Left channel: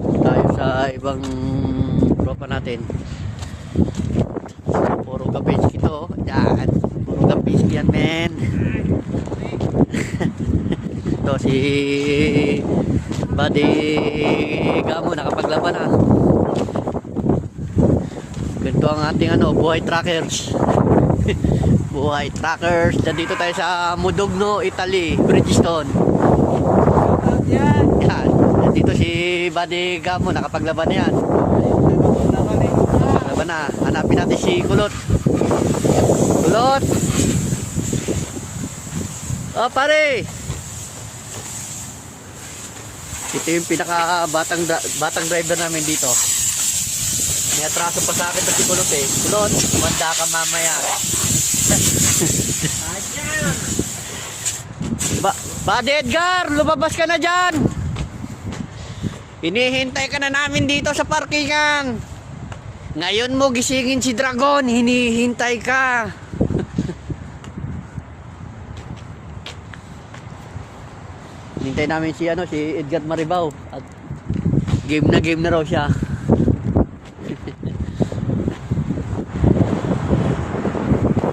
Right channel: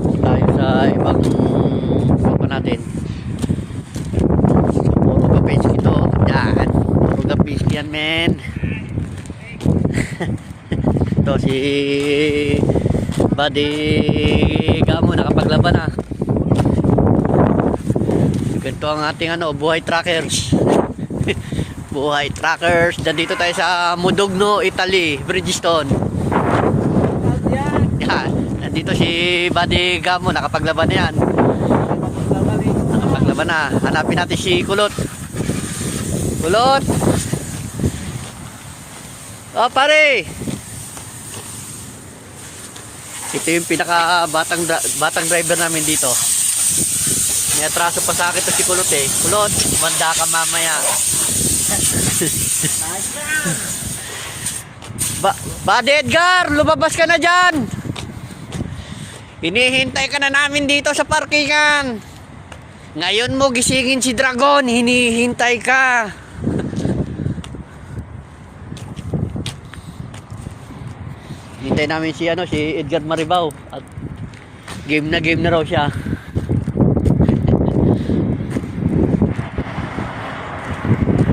Pasok tayo sa ibang papa natin. So, puro kapiski to. Yan. Puro kapiski yan, men. Ito si Buddy Gamo, nakapaglaban na. Ganito ang ating buhay trackers. Buhay trackers. Nandito tayo sa Modugno, Italy, Bridgestone. Yan. Nandito si Buddy Gamo, nakapaglaban na yan. Nakapaglaban na. Hanapin natin si Kulot. Kulot! Oh, pare! Ito yung pinaka batang driver namin dito. May atraso pa sa akin to si Kulot eh. Kulot, manda ka mamaya. Buddy Edgar, lumabas ka na dyan. Hinihintay ka na namin dito sa parkingan. Ngayon mo gisingin si Dragon, hinihintay ka. Hinihintay namin si si Edgar Maribao. At game na raw siya.